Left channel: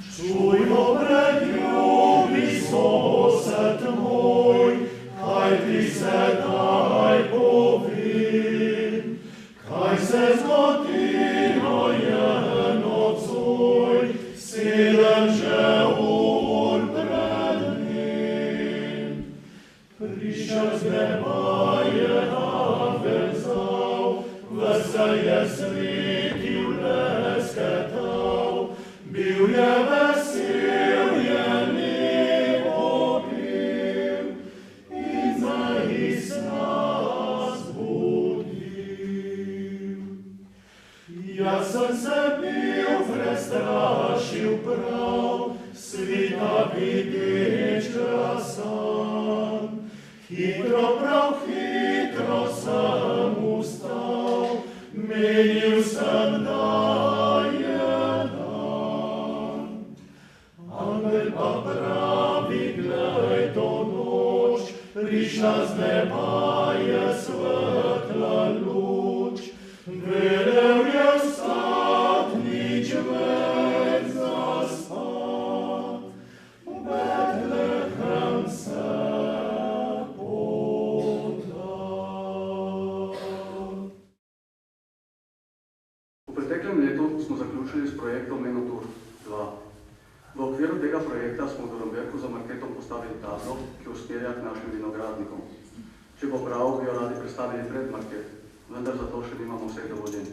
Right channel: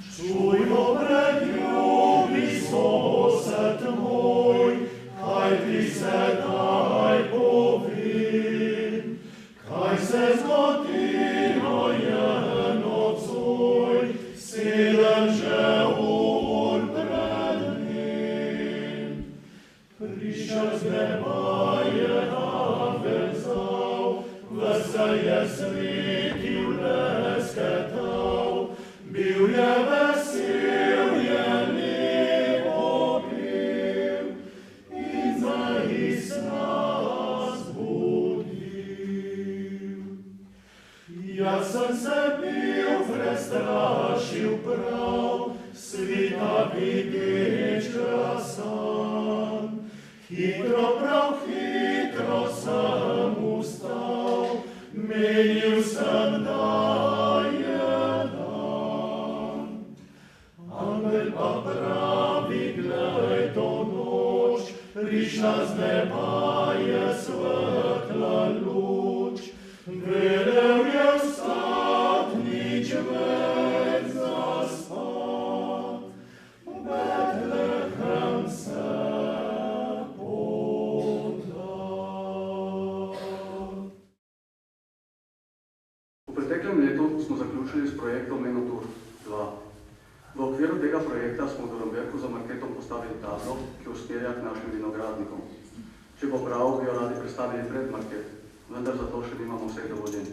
Čujmo preljubi sosed moj, kaj ti sedaj povem, kaj se zgodilo je nocoj, sedem že on pred njim. Prišel z neba je navezal, vesel je svetil lesketal, bil je vesel, je lepo pil in zaista zbudil. Jaz sem se bil prestrašil prav, svita videč krasan. Hitro, prav hitro sem ustal, menil sem, da je dan. Angel pa pravi, glej, to noč, prišla z neba je svetla luč. Velel je vstat, nič več zaspat, Betlehem se V preteklem letu smo zaključili s projektom Menotur 2. V okviru tega projekta smo v Dornberku za marketom postavili tablo, ki usmerja k našim vinogradnikom. Če bo prav, bi jo radi predstavili pred market, vendar za to še nimamo vseh dovoljenj.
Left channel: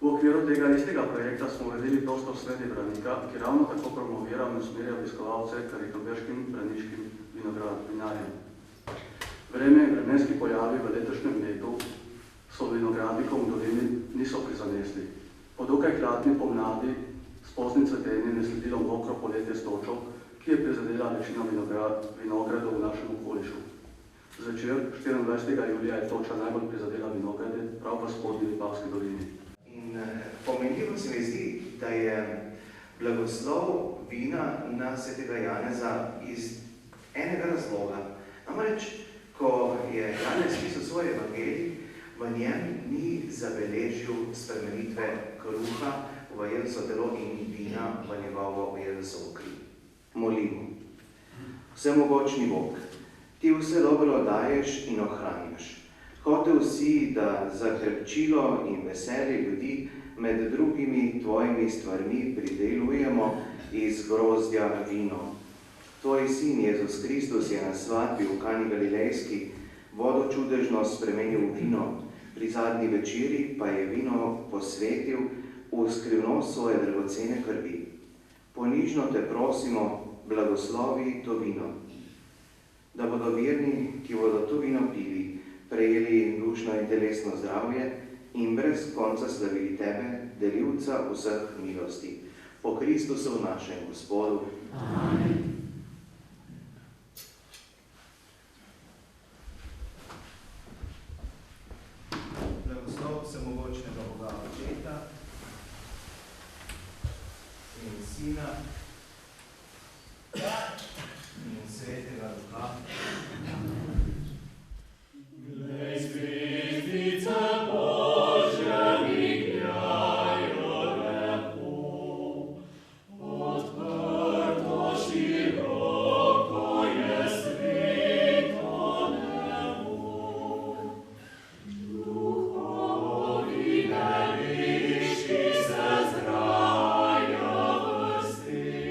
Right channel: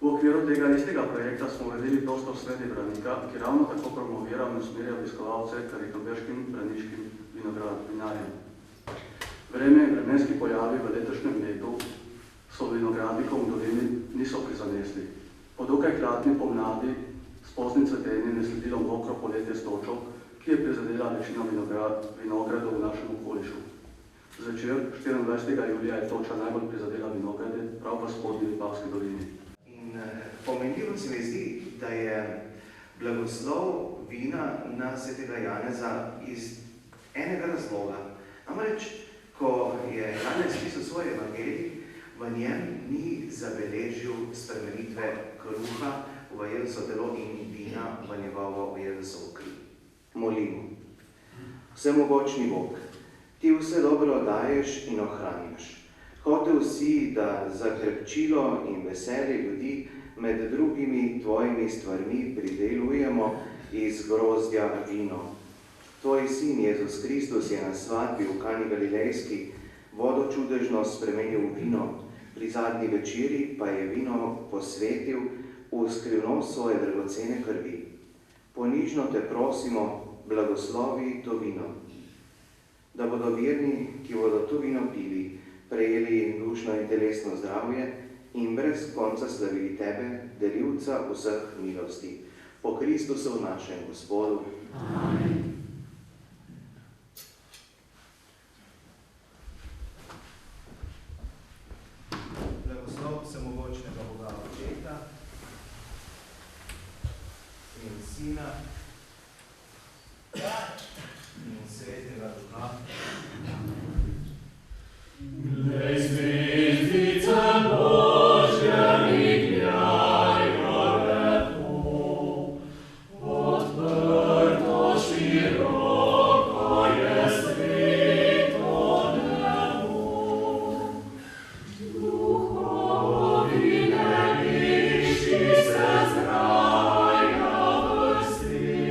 V okviru tega istega projekta smo uredili prostor sredi Branika, ki ravno tako promovira in usmerja obiskovalce k rikambeškim braniškim vinarjem. Vreme in vremenski pojavi v letošnjem letu so vinogradnikom v dolini niso prizanesli. Po dokaj hladni pomladi s poznim cvetenjem je sledilo mokro poletje s točo, ki je prizadela večino vinogradov v našem okolišu. Zvečer, 24. julija, je toča najbolj prizadela vinograde, prav v spodnji Vipavski dolini. In pomenljivo se mi zdi, da je blagoslov vina na svetega Janeza iz enega razloga. Namreč, ko je Janez pisal svoj evangelij, v njem ni zabeležil spremenitve kruha v Jezusovo telo in vina v njegovo Jezusovo kri. Molimo. Vsemogočni Bog, ti vse dobro daješ in ohranjaš. Hotel si, da za krepčilo in veselje ljudi med drugimi tvojimi stvarmi pridelujemo iz grozdja vino. Tvoj sin Jezus Kristus je na svadbi v Kani Galilejski vodo čudežno spremenil v vino, pri zadnji večeri pa je vino posvetil v skrivnost svoje dragocene krvi. Ponižno te prosimo, blagoslovi to vino, da bodo verni, ki bodo to vino pili, prejeli dušno in telesno zdravje in brez konca slavili tebe, delivca vseh milosti. Po Kristusu našem Gospodu. Amen. Blagoslov vsemogočnega Boga Očeta in Sina in Svetega Duha. Glej, zvezdice Božje migljajo lepo, odprto široko je svito nebo. Duhovi nebeški se zgraja vrsti,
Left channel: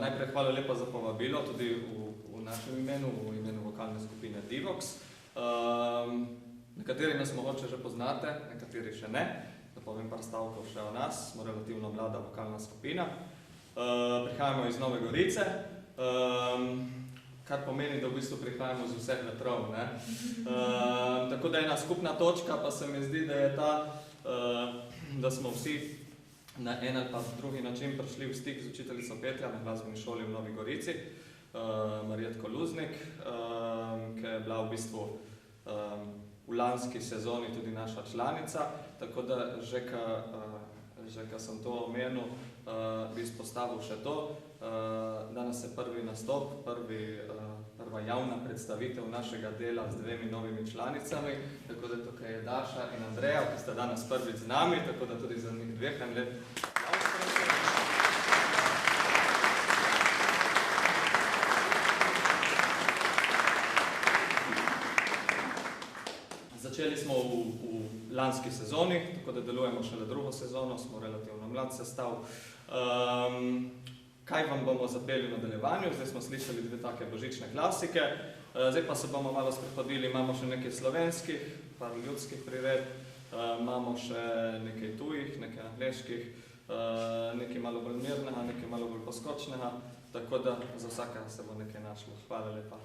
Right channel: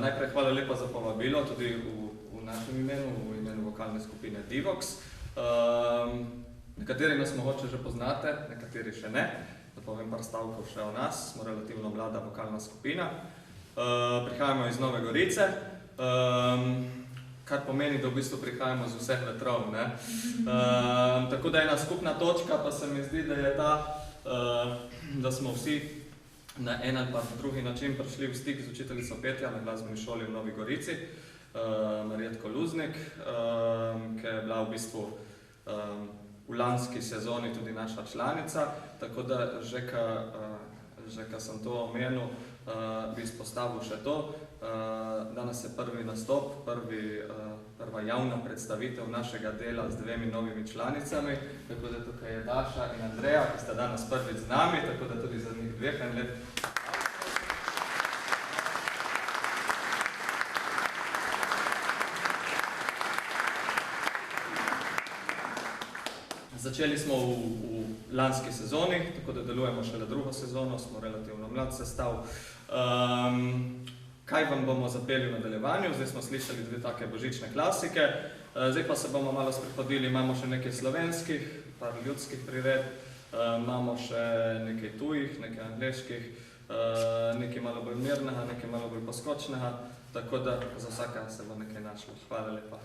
Najprej hvala lepa za povabilo, tudi v našem imenu, v imenu vokalne skupine Divox. Nekateri nas mogoče že poznate, nekateri še ne. Da povem par stavkov še o nas, smo relativno mlada vokalna skupina. Prihajamo iz Nove Gorice, kar pomeni, da v bistvu prihajamo z vseh vetrov, ne. Tako da ena skupna točka pa se mi zdi, da je ta, da smo vsi na en ali pa drugi način prišli v stik z učiteljico petja na glasbeni šoli v Novi Gorici, Marjetko Luznik, ki je bila v bistvu v lanski sezoni tudi naša članica, tako da že ka sem to omenil, bi izpostavil še to. Danes je prvi nastop, prva javna predstavitev našega dela z dvemi novimi članicami, tako da tukaj je Daša in Andreja, ki sta danes prvič z nami, tako da tudi za njih dveh en lep. Začeli smo v lanski sezoni, tako da delujemo šele drugo sezono, smo relativno mlad sestav. Kaj vam bomo zapeli v nadaljevanju? Zdaj smo slišali dve take božične klasike, zdaj pa se bomo malo sprehodili, imamo še nekaj slovenskih, par ljudskih prired, imamo še nekaj tujih, nekaj angleških, nekaj malo bolj mirnega, nekaj malo bolj poskočnega, tako da za vsaka se bo nekaj našlo. Hvala lepa.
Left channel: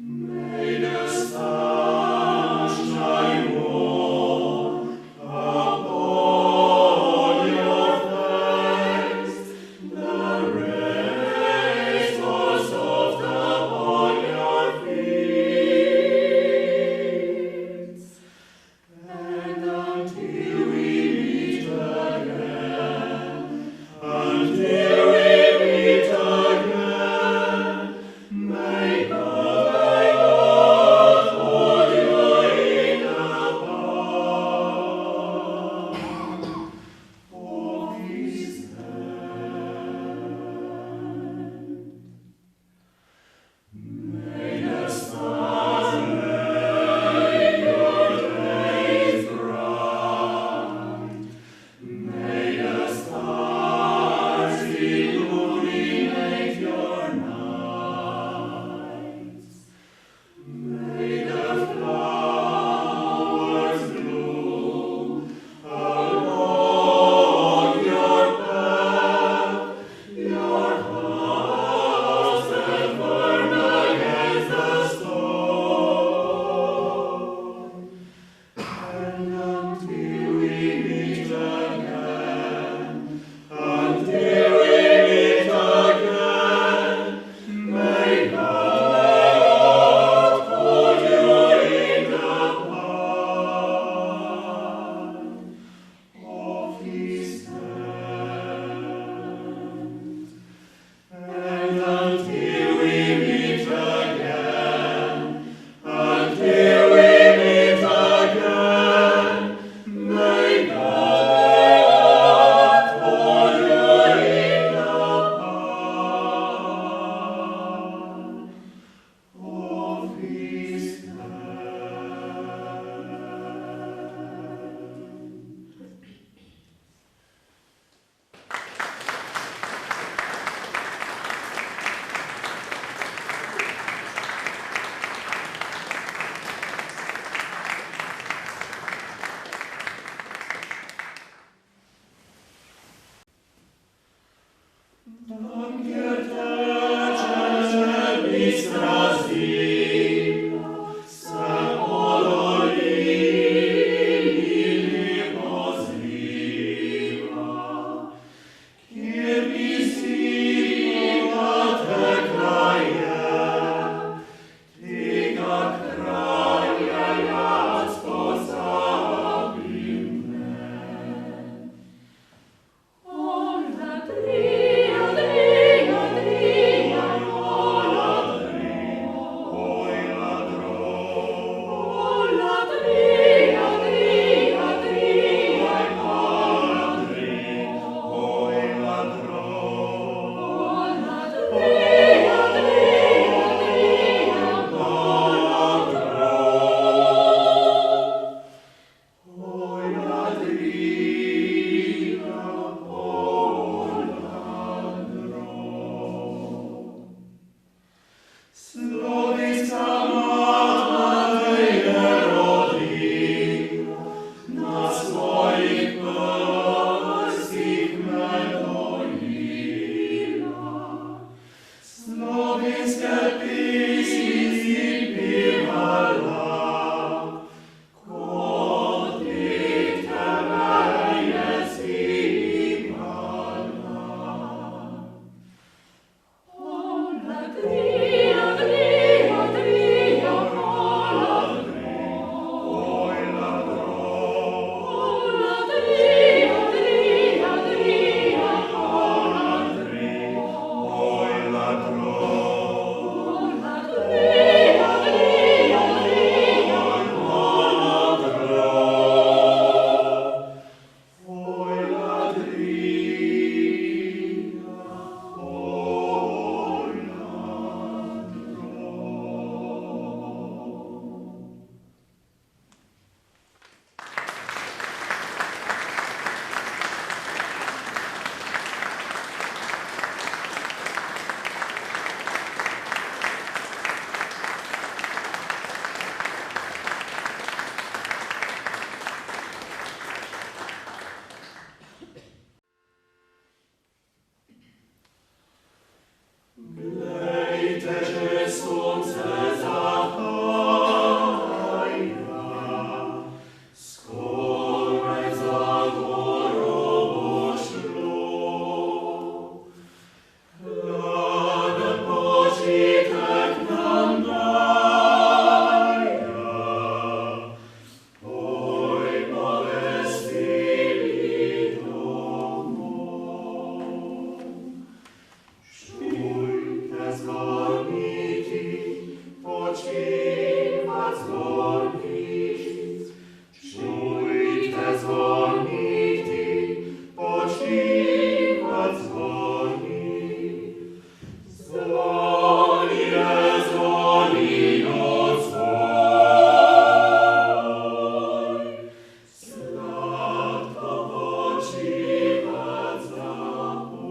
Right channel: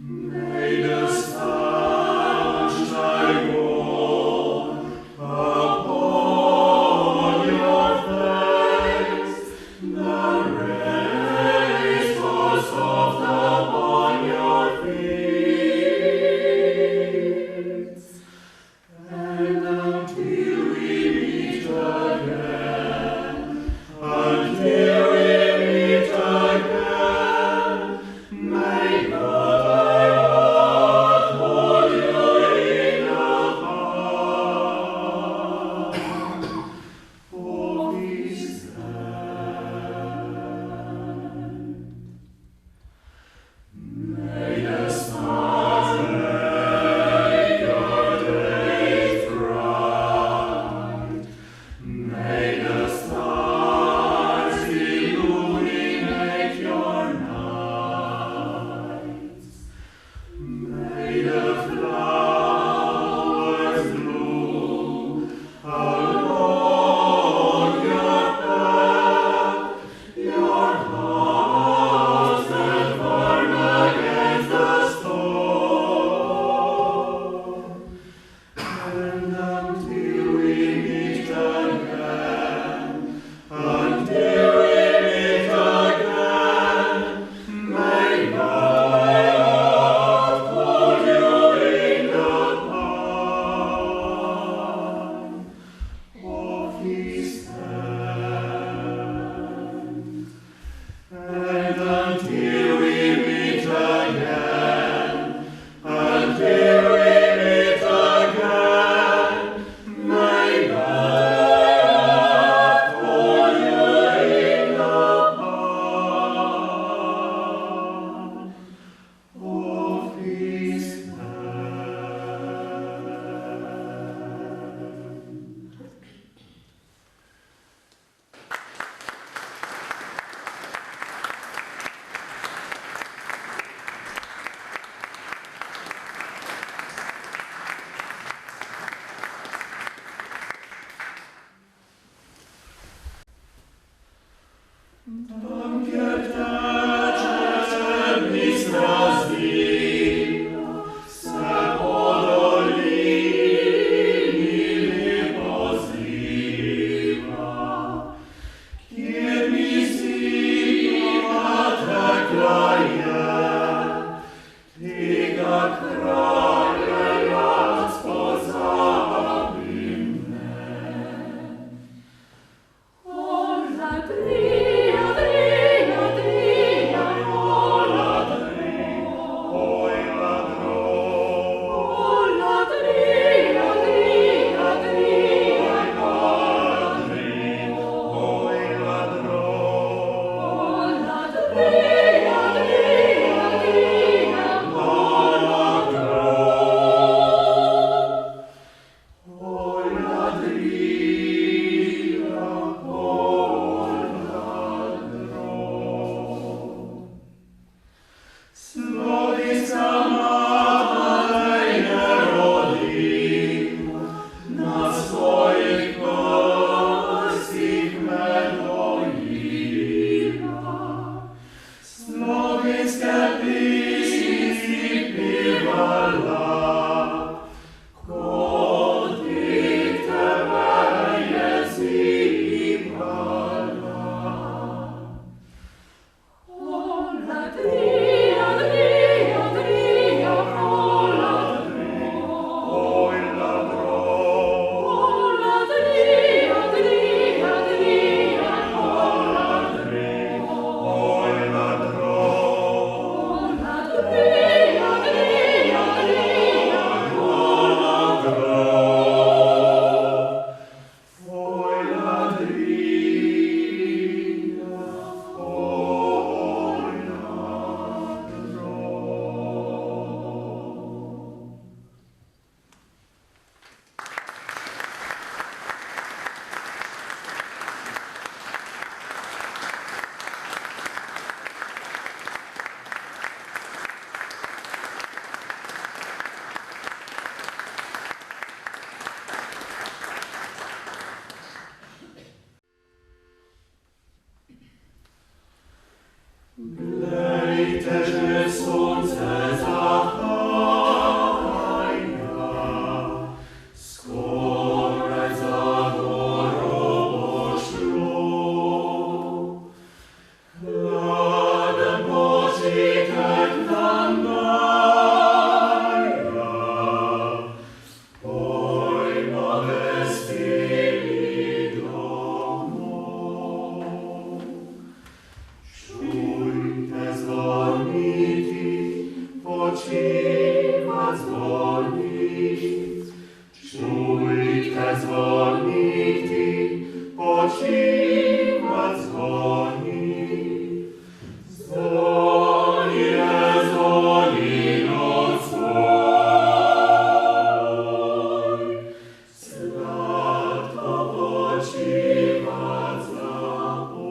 May the stars počiwać dzwonić. Czujte dzwoniti, počiwać dzwonić. Dzwoni, dzwoni noc swoj. Sladko počiwać zapoj.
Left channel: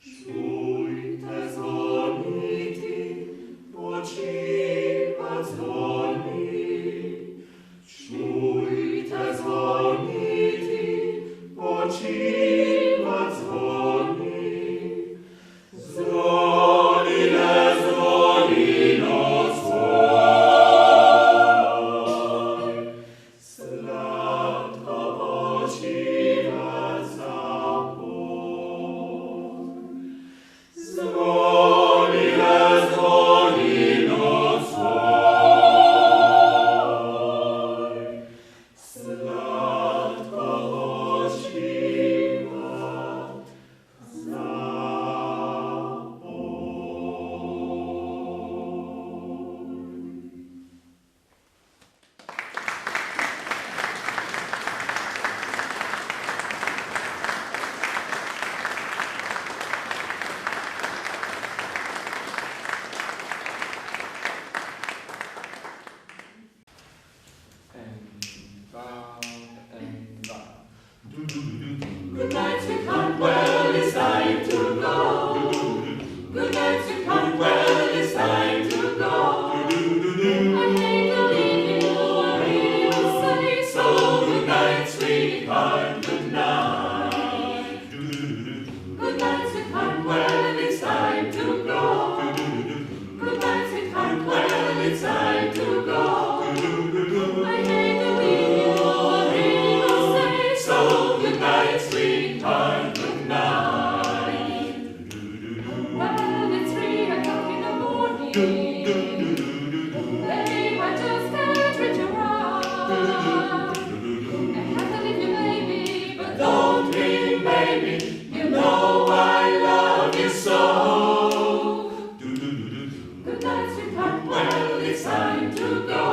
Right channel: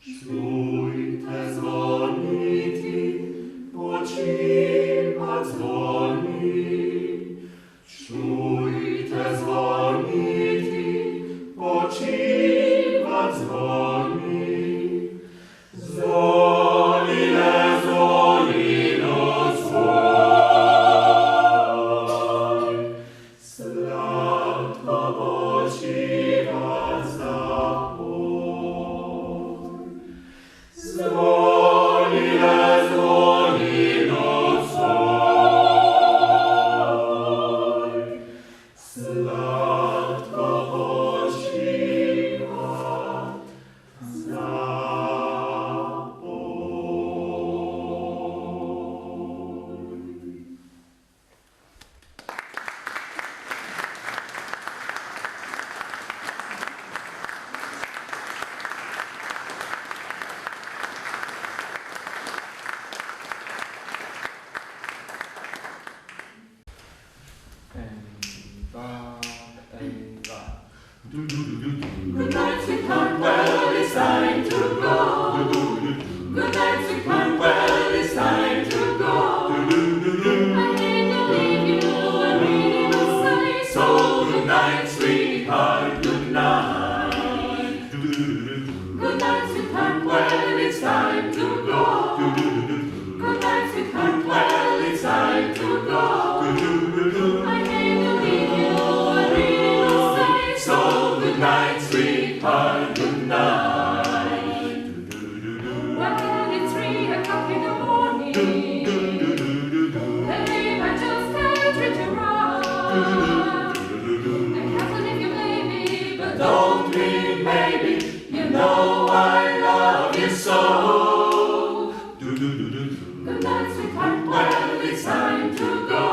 Czujte dzwoniti, počiwać dzwonić. Czujte dzwoniti, počiwać dzwonić. Dzwoni, dzwoni noc swoj. Sladko počiwać zapoj. Dzwoni, dzwoni noc swoj. Sladko počiwać Good night, sweetheart, well, it's time to go. Good night, sweetheart, well, it's time to go. I hate to leave you, I really must say so. Good night, sweetheart, good night. Good night, sweetheart, well, it's time to go. Good night, sweetheart, well, it's time to go. I hate to leave you, I really must say so. Good night, sweetheart, good night. Well, it's 3 o'clock in the morning. Babe, I just can't reach around. I have to leave you, baby, but don't leave, baby. You know I love you so. Good night, sweetheart, well, it's time to go.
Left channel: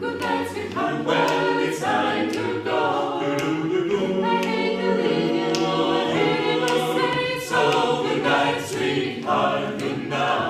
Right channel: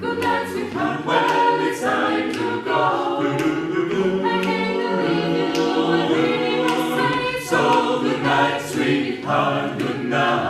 Good night, sweetheart, well, it's time to go. I hate to leave you, I really must say so. Good night, sweetheart, good night.